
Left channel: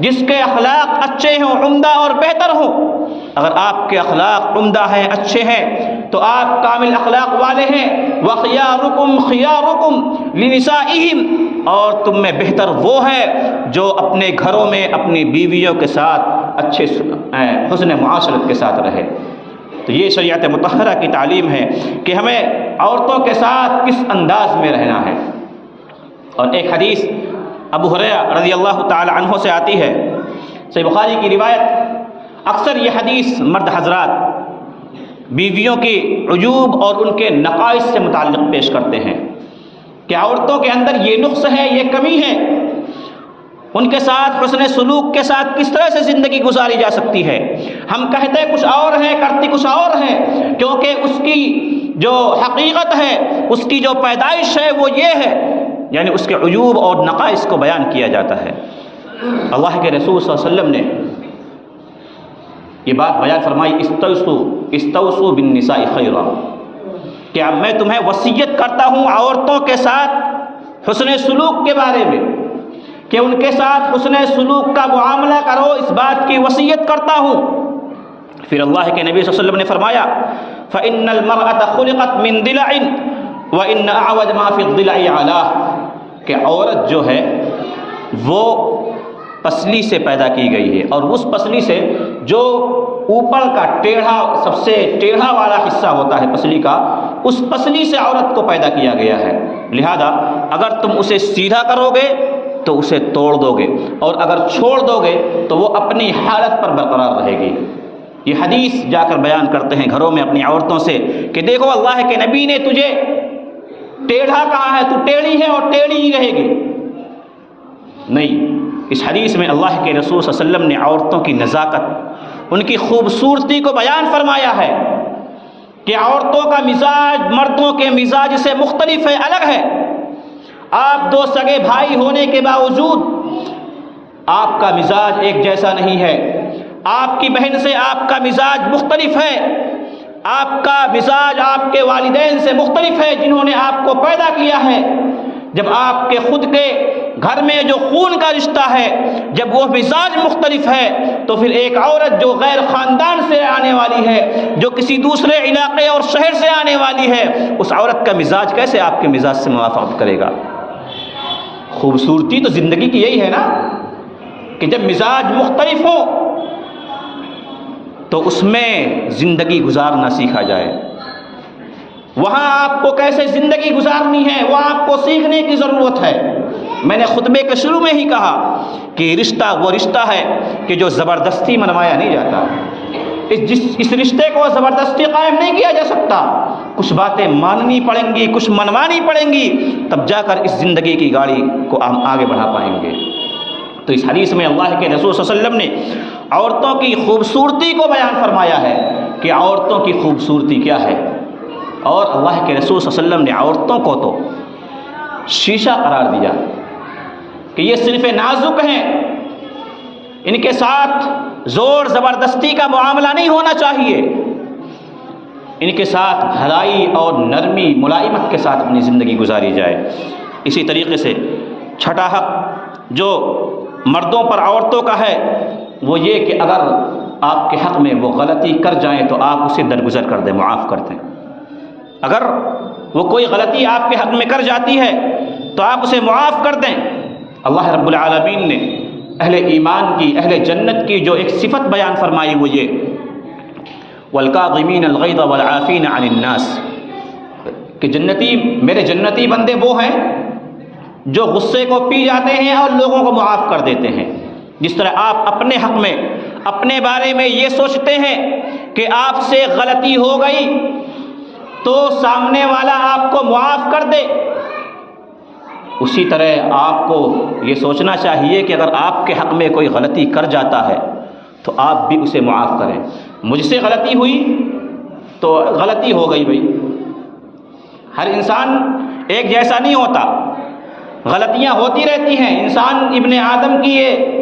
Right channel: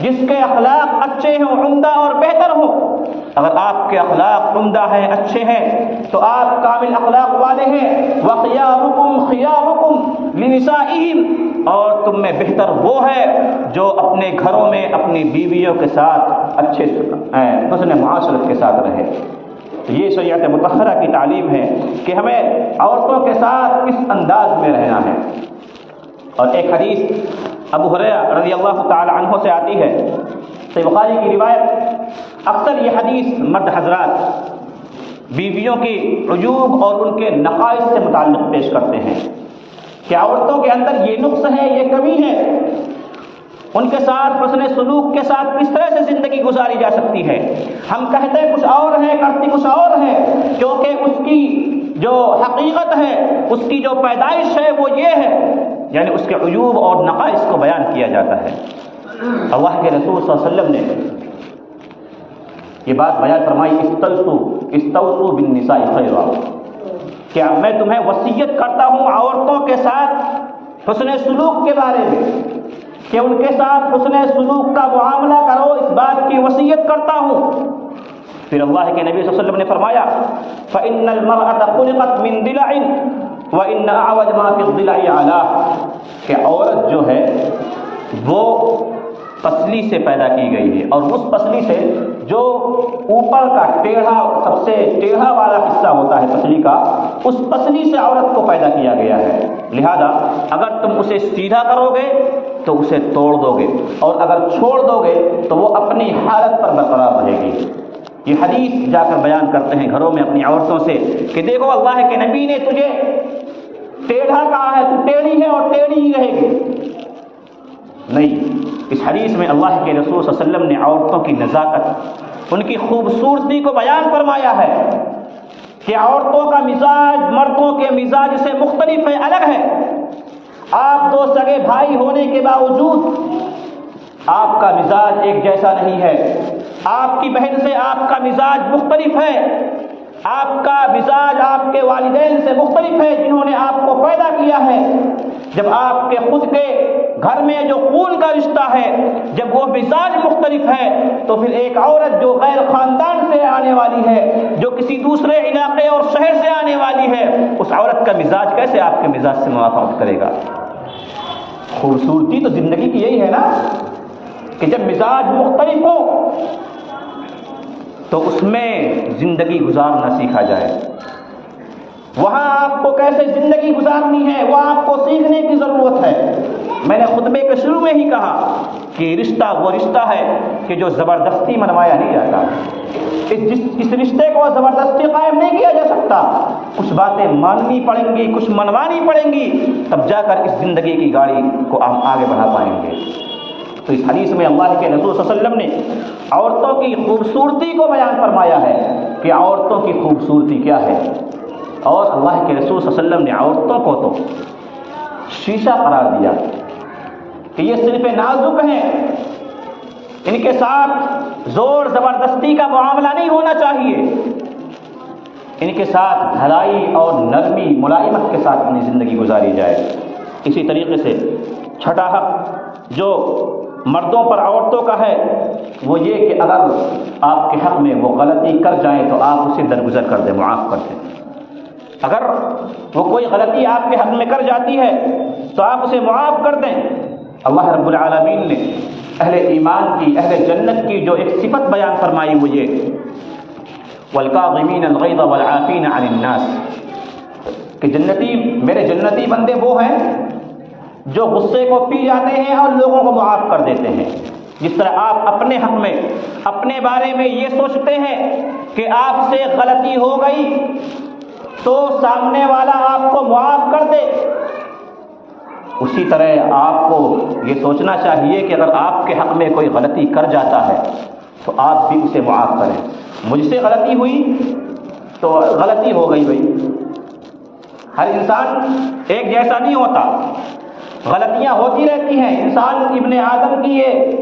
جس کے اخلاق اچھے ہوں, عمدہ اور بہتر ہوں. اگر آپ کے اخلاق عمدہ ہیں, اچھے ہیں, تو آپ کامل اخلاق والے ہیں. وَخِيَارُكُمْ خِيَارُكُمْ لِنِسَائِهِمْ, اور تم میں بہتر وہ ہے جو اپنے گھروں میں اپنی بیویوں کے ساتھ اچھے حسن معاشرت کے ساتھ رہے. تو یہ شریعت مطہرہ کی تعلیم ہے کہ ہمیں عورتوں کے ساتھ کس انداز میں رہنا ہے. اور ایک حدیث ابو ہریرہ رضی اللہ تعالی عنہ سے آتی ہے, صحیح بخاری کی روایت. اکثر یہ حدیث مرد حضرات بیویوں کی عیوب اور ان کے نقائص سے متعلق پیش کرتے ہیں کہ عورتوں کے اندر یہ نقص ہے، یہ کمی ہے، ان کے ساتھ حسن سلوک کے ساتھ کس طرح سے زندگی گزاری جا سکتی ہے۔ ہم کہتے کچھ اور ہے، کرتی کچھ اور ہے، کیونکہ اس کی جو حقیقت ہے، اس کی جو پیدائش ہے وہ یہ ہے، یعنی اس کے عیوب اور نقائص کو بیان کیا جاتا ہے۔ اللہ کے رسول صلی اللہ علیہ وسلم نے یہ بات بیان فرمائی، استوصوا بالنساء خیرا، کہ میں تمہیں وصیت کرتا ہوں عورتوں کے ساتھ حسن سلوک کے بارے میں، کہ ان کے ساتھ حسن سلوک کا معاملہ کرو، اس بات کی وصیت کرتا ہوں۔ پھر اللہ کے نبی صلی اللہ علیہ وسلم نے فرمایا فإن المرأة خلقت من ضلع وإن أعوج ما في الضلع علاہ، کہ عورت جو ہے وہ پسلی سے پیدا کی گئی ہے، اور اس پسلی سے جو اوپر کا ٹیڑھا، سب سے ٹیڑھا والا حصہ ہوتا ہے پسلی کا، اس پسلی سے عورت کو پیدا کیا گیا ہے۔ لہذا اگر تم اسے سیدھا کرو گے تو اسے توڑ دو گے، اور اگر چھوڑ دو گے تو وہ اپنی حالت پر برقرار رہے گی۔ یہ حدیث جا کر بیان کرتے ہیں گھروں میں اپنی عورتوں سے کہ دیکھو اللہ کے نبی نے تجھے ٹیڑھا کہا ہے، تو ٹیڑھی ہے اور ٹیڑھی ہی رہے گی۔ نہیں، اس حدیث میں اللہ کے رسول صلی اللہ علیہ وسلم نے عورتوں کی نزاکت، ان کی خوبصورتی کو بیان فرمایا ہے کہ عورتوں کا مزاج مردوں کے مزاج سے مختلف ہے، الگ ہے۔ آپ دو سگے بھائی ہونے کے باوجود آپ کا مزاج ایک جیسا نہیں ہے، آپ کی بہن سے آپ کا مزاج مختلف ہے، آپ کا مزاج آپ کے والدین سے مختلف ہے جنہوں نے آپ کو پیدا کیا ہے۔ جب آپ کے خود کے گھر میں جو خون کا رشتہ ہے، جب وہ مزاج مختلف ہے، تو پھر ایک عورت جو غیر خاندان سے آنے والی ہے، جو کسی دوسرے علاقے اور شہر سے آنے والی ہے، اس عورت کا مزاج کیسے آپ کے مزاج سے موافقت کرے گا؟ خوبصورتی تو زندگی کی یہی ہے نا، کہ جب مزاج مختلف ہو تو اس میں زندگی گزارنا سیکھا جائے۔ وہاں آپ کو کیسے زندگی گزارنی ہے وہ آپ کو سیکھنے کی ضرورت ہے۔ میں نے خطبے کے شروع میں ہی کہا کہ رشتہ وہ رشتہ ہے کہ جو زبردستی منوایا نہیں جاتا، اس رشتے کو زبردستی قائم نہیں کیا جا سکتا، کچھ باتیں ماننی پڑیں گی، کچھ منوانی پڑیں گی، تب جا کر اس زندگی کی گاڑی کو ہم آگے بڑھا پائیں گے۔ تو اس حدیث میں اللہ کے رسول صلی اللہ علیہ وسلم نے عورتوں کی خوبصورتی کو بیان فرمایا ہے کہ عورتوں کی خوبصورتی کیا ہے، اور اللہ کے رسول صلی اللہ علیہ وسلم نے عورتوں کو تو شیشہ قرار دیا کہ یہ صرف نازک ہیں، ان کے ساتھ زور زبردستی کا معاملہ نہیں ہونا چاہیے، ان کے ساتھ بھلائی اور نرمی ملائمت کے ساتھ اپنی زندگی گزاری جائے۔ اسی طریقے سے چھٹا حق جو مردوں پر عورتوں کا ہے وہ یہ کہ اگر آپ کے حق میں وہ غلطی کر جائیں تو آپ اسے درگزر کر دیں، معاف کر دیں۔ اگر وہ کوئی غلطی آپ کے حق میں کر جاتی ہے تو آپ اسے معاف کر دیں۔ اللہ رب العالمین نے اہل ایمان کی، اہل جنت کی جو ایک صفت بیان فرمائی وہ یہ وَالْكَاظِمِينَ الْغَيْظَ وَالْعَافِينَ عَنِ النَّاسِ، کہ جنتی، میرے جنتی بندے وہ ہیں جو غصے کو پی جاتے ہیں اور لوگوں کو معاف کر دیتے ہیں۔ جس طرح آپ اپنے حق میں، اپنے بارے میں یہ سوچتے ہیں کہ آپ سے غلطی ہو گئی تو سامنے والا آپ کو معاف کر دے، اسی طرح آپ کو یہ سوچنا چاہیے کہ اگر آپ کے حق میں کوئی غلطی کر جاتا ہے تو آپ بھی اسے معاف کریں۔ مجھ سے غلطی ہوئی تو غلطی ہو گئی بھائی، ہر انسان ایک جیسا نہیں ہوتا، غلطیاں ہوتی رہتی ہیں، انسان ابن آدم کی یہ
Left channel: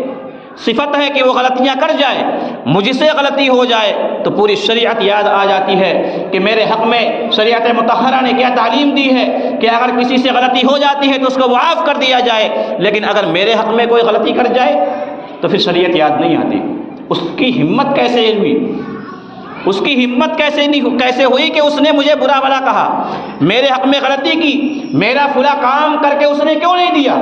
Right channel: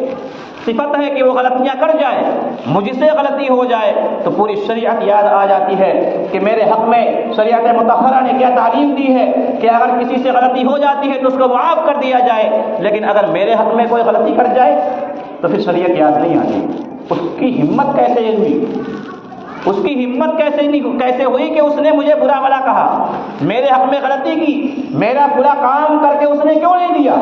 صفت ہے کہ وہ غلطیاں کر جائے۔ مجھ سے غلطی ہو جائے تو پوری شریعت یاد آ جاتی ہے کہ میرے حق میں شریعت مطہرہ نے کیا تعلیم دی ہے کہ اگر کسی سے غلطی ہو جاتی ہے تو اس کو معاف کر دیا جائے، لیکن اگر میرے حق میں کوئی غلطی کر جائے تو پھر شریعت یاد نہیں آتی۔ اس کی ہمت کیسے ہوئی، اس کی ہمت کیسے ہوئی کہ اس نے مجھے برا بھلا کہا، میرے حق میں غلطی کی، میرا فلاں کام کر کے اس نے کیوں نہیں دیا؟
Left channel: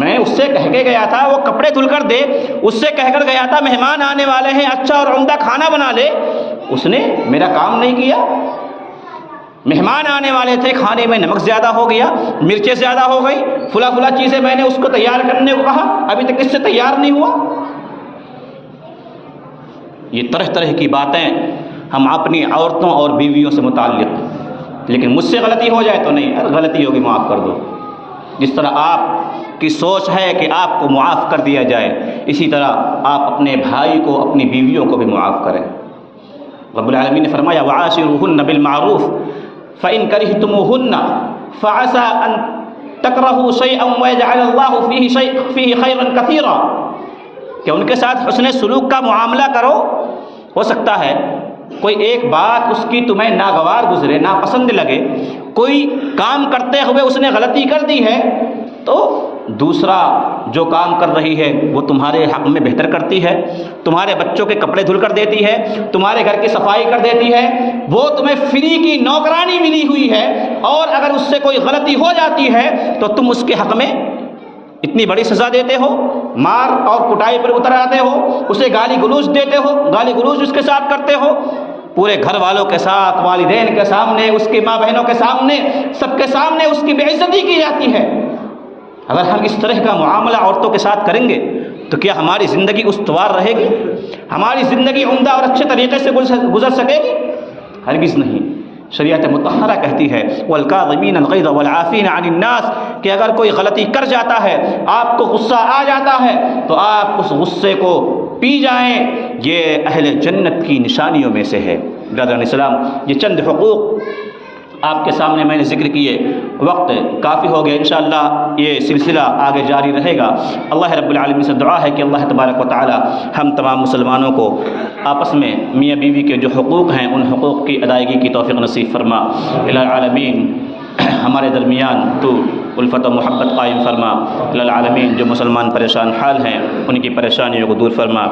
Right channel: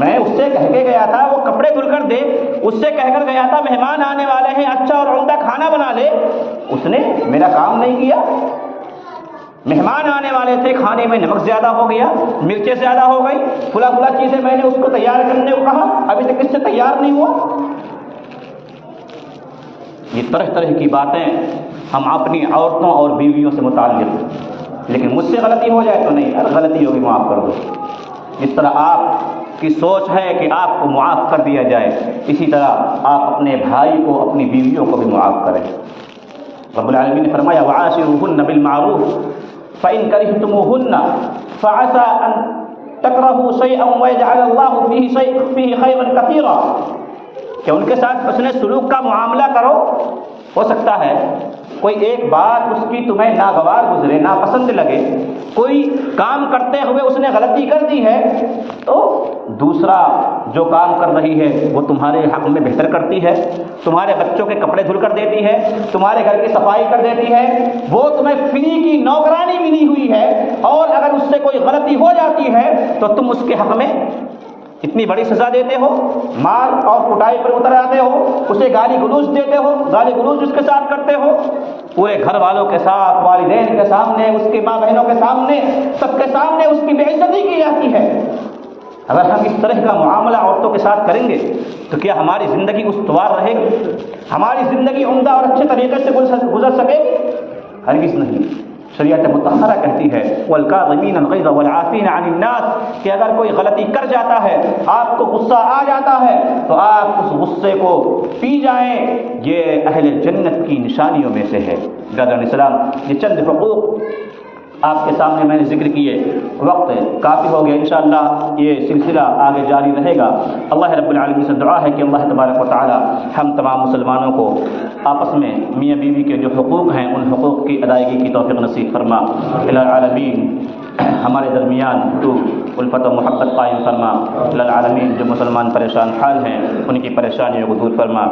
میں اس سے کہہ کے گیا تھا وہ کپڑے دھل کر دے، اس سے کہہ کر گیا تھا مہمان آنے والے ہیں اچھا اور عمدہ کھانا بنا لے، اس نے میرا کام نہیں کیا۔ مہمان آنے والے تھے، کھانے میں نمک زیادہ ہو گیا، مرچیں زیادہ ہو گئی، فلاں چیزیں میں نے اس کو تیار کرنے کو کہا، ابھی تک اس سے تیار نہیں ہوا۔ یہ طرح طرح کی باتیں ہم اپنی عورتوں اور بیویوں سے متعلق، لیکن مجھ سے غلطی ہو جائے تو نہیں، غلطی ہوگی معاف کر دو۔ جس طرح آپ کی سوچ ہے کہ آپ کو معاف کر دیا جائے، اسی طرح آپ اپنے بھائی کو، اپنی بیویوں کو بھی معاف کریں۔ رب العالمین نے فرمایا وعاشروہن بالمعروف فإن کرہتموہن فعسى ان تکرہوا شیئا ویجعل اللہ فیہ خیرا کثیرا، کہ ان کے ساتھ حسن سلوک کا معاملہ کرو۔ ہو سکتا ہے کوئی ایک بات اس کی تمہیں ناگوار گزرے، ناپسند لگے، کوئی کام کرتے ہوئے اس نے غلطی کر دی ہے، تو دوسرا جو کام کر رہی ہے وہ تمہارے حق میں بہتر کرتی ہے، تمہارے بچوں کے کپڑے دھل کر دیتی ہے، تمہارے گھر کی صفائی کر دیتی ہے، وہ تمہیں فری کی نوکرانی ملی ہوئی ہے، اور اگر اس سے کوئی غلطی ہو جاتی ہے تو تم اس کے حق میں اتنی بڑی سزا دیتے ہو، مار اور کٹائی پر اتر آتے ہو، اسے گالی گلوچ دیتے ہو، گالی گلوچ اس کے ساتھ کرتے ہو، پورے گھر والوں کے ساتھ، والدین کے سامنے، اس کے ماں بہنوں کے سامنے، سب کے سامنے اس کی بے عزتی کی جاتی ہے۔ اگر ہم اس طرح کا معاملہ عورتوں کے ساتھ کریں گے تو کیا ہماری زندگی استوار رہے گی؟ ہماری زندگی عمدہ اور اچھے طریقے سے گزر سکے گی؟ ہرگز نہیں۔ شریعت مطہرہ کہتی ہے والکاظمین الغیظ والعافین عن الناس، کہ اگر کوئی غلطی کر جاتا ہے، آپ کو غصہ آ جاتا ہے، تو آپ اس غصے کو پی جائیں، یہ اہل جنت کی نشانیوں میں سے ہے۔ برادران اسلام، یہ چند حقوق آپ کے سامنے میں نے ذکر کیے، وقت کافی ہو گیا، انشاءاللہ یہ سلسلہ آگے جاری رہے گا۔ اللہ رب العالمین سے دعا ہے کہ اللہ تبارک و تعالی ہم تمام مسلمانوں کو آپس میں میاں بیوی کے جو حقوق ہیں ان حقوق کی ادائیگی کی توفیق نصیب فرما۔ الہ العالمین ہمارے درمیان تو الفت و محبت قائم فرما۔ الہ العالمین جو مسلمان پریشان حال ہیں ان کی پریشانیوں کو دور فرما۔